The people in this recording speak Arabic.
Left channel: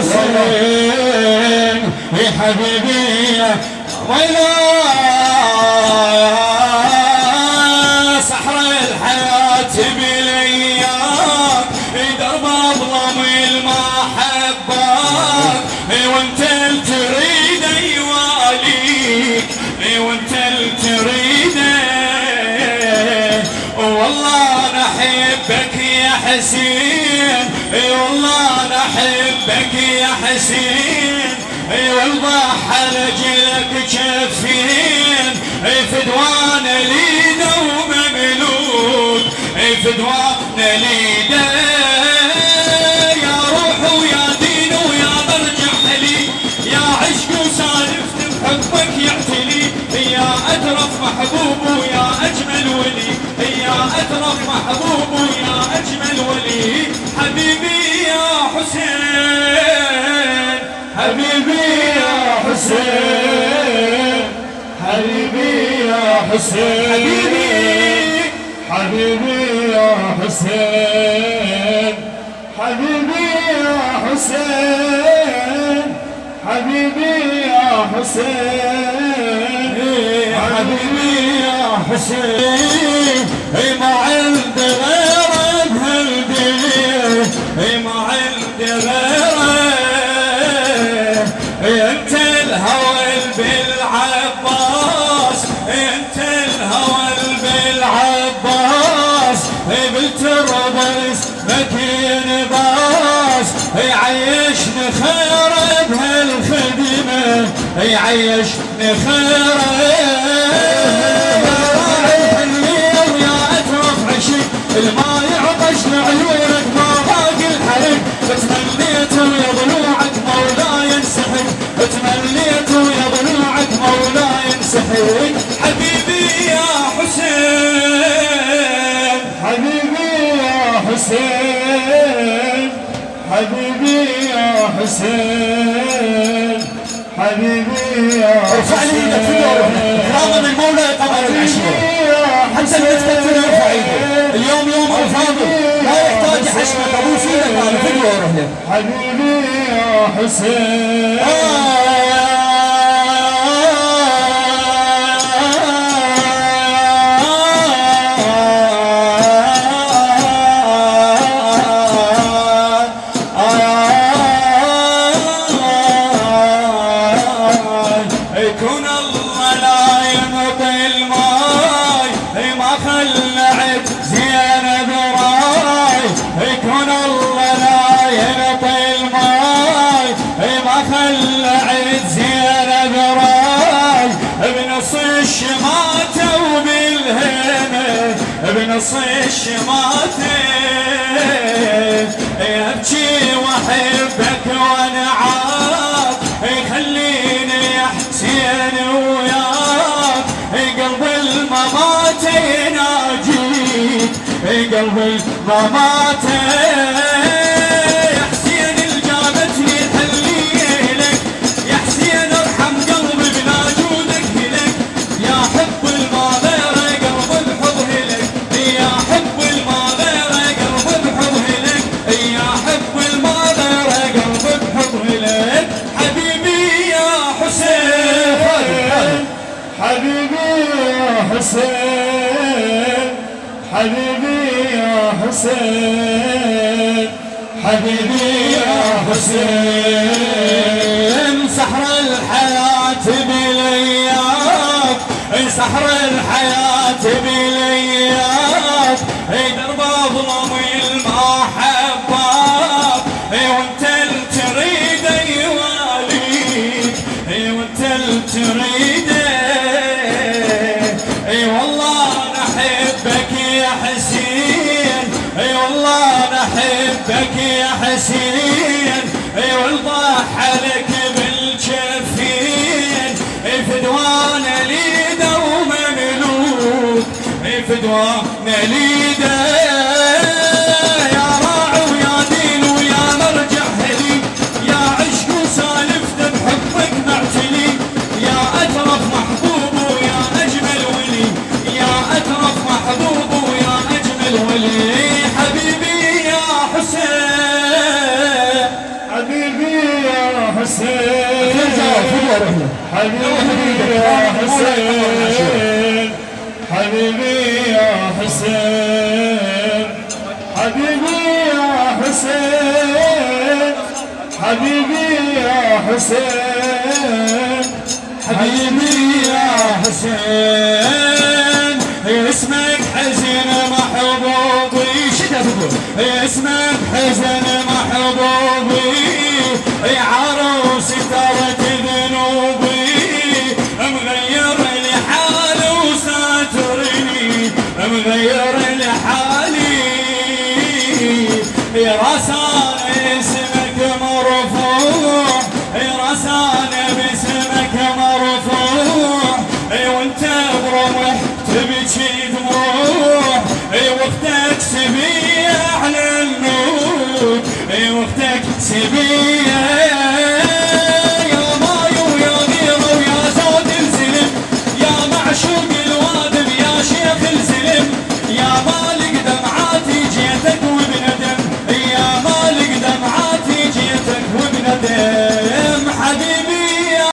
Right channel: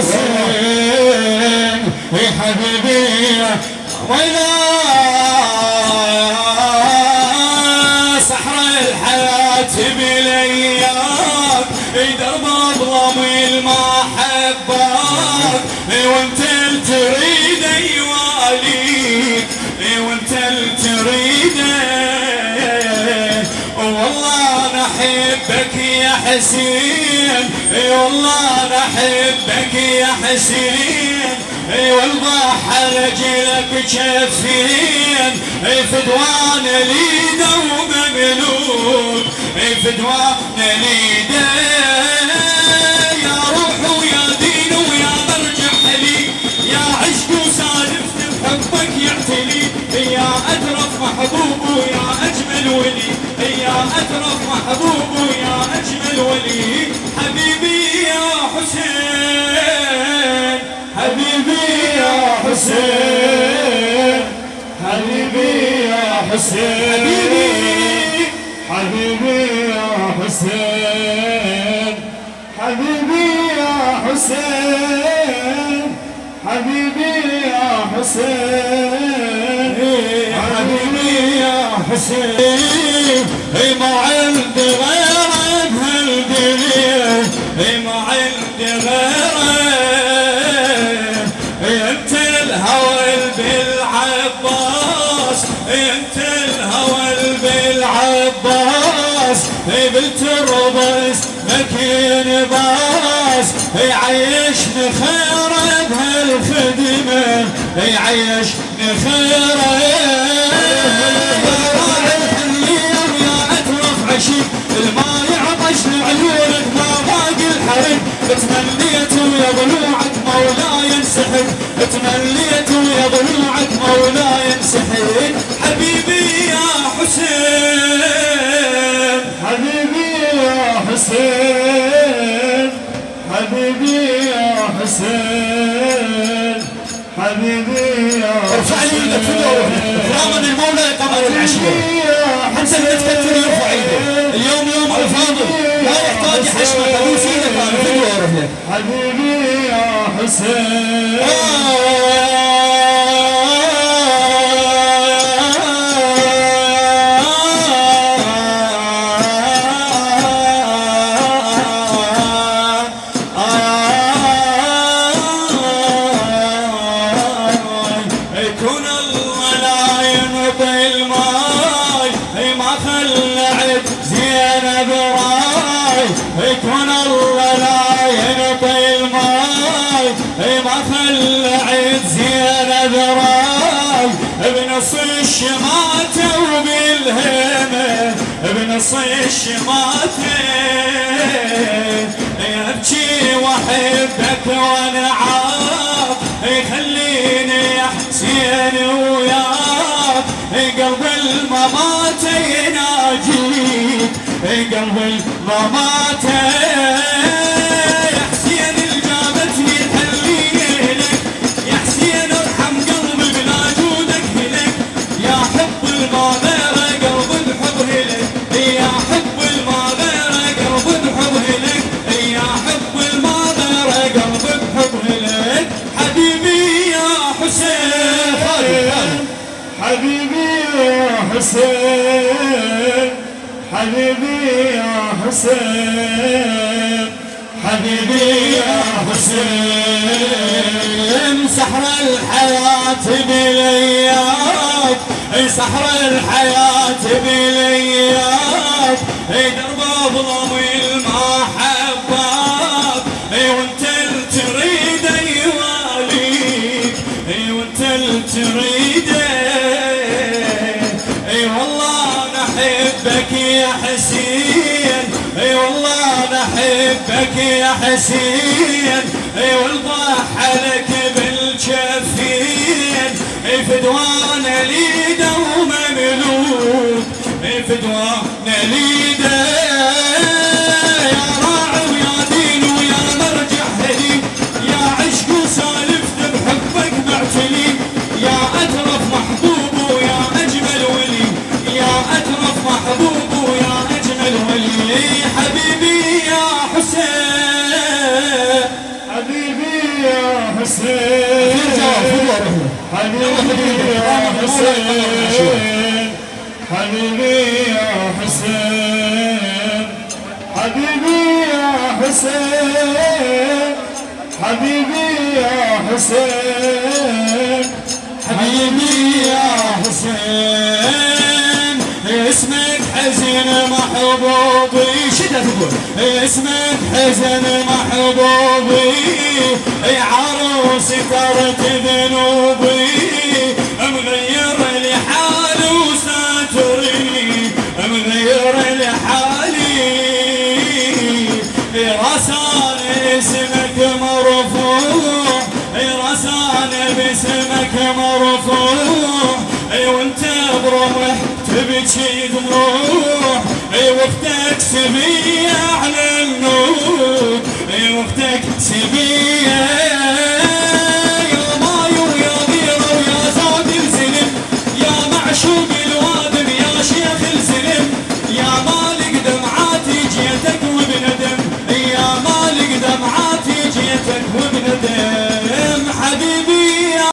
حسين يا حبيبي ويلا صحراء الحياة بلياك درب اظلم المحبات وانت اللي تريد يواليك وانت اللي تريده والله انا احبك يا حسين والله انا احبك يا حسين والبحر رجلك جفين فدوان ليده ومملوك فدوان ليده يا روح ويا دين ويا مرجع لي يا عشق وسالفت بحبك يعتلي يا أترف محبوب ويا أجمل ولي يا أترف محبوب ويا أجمل ولي حبيبي يا حسين حبيبي يا حسين حبيبي يا حسين حبيبي يا حسين حبيبي يا حسين حبيبي يا حسين حبيبي يا حسين ما عندي غيرك هالدنيا ما عندي غيرك انت الهوى بالعباس انت الهوى بالعباس بالتربس مكين باس يعيشني خير بهالخدمة يعيشني خير الما يعطش لعيونك ما باقي الحرب تمنيت ويا ضلوعك مولاي ينسحب تمنيت ويا ضلوعك مولاي ينسحب حبيبي يا حسين حبيبي يا حسين حبيبي يا حسين حبيبي يا حسين ارفع ايدك في اليوم اكراما المولى قمر العشيره حتى اللي تكتر يرفع ايده اليوم يوم الفاضل لا يحتاج حشمة ابوس ايدك انا في اليوم حبيبي يا حسين يكون الله لا ينطي الماي ما خلعت زينب راي يكون الله لا ينطي الماي ما خلعت زينب راي بنص الشماتة وبالهمة بنص الشماتة ابكي واحبك وانعاك خليني يا حسين وياك قلب الممات يناجيك قلب الممات يا حسين الجابتني حليلك يا حسين ارحم قلبي بلا جودك هلك يا حب المغيرة قلب الحب هلك يا حب المغيرة قلب الحب هلك يا حب المغيرة قلب الحب هلك حبيبي يا حسين حبيبي يا حسين حبيبي يا حسين حبيبي يا حسين سحر الحياة بلياك سحر الحياة بلياك درب اظلم المحبات وانت اللي تريد يواليك وانت اللي تريده والله انا احبك يا حسين والله انا احبك يا حسين والبحرك بالجفين فدوان ليده ومملوك فدوان ليده يا راعي ويا دين ويا مرجع لي يا عشق وسالفت بحبك معتلي يا أترف محبوب ويا أجمل ولي يا أترف محبوب ويا أجمل ولي حبيبي يا حسين حبيبي حبيبي يا حسين حبيبي يا حسين حبيبي يا حسين حبيبي يا حسين حبيبي يا حسين اسمك حزين محبوبي شدة تقول اسمك حزين محبوبي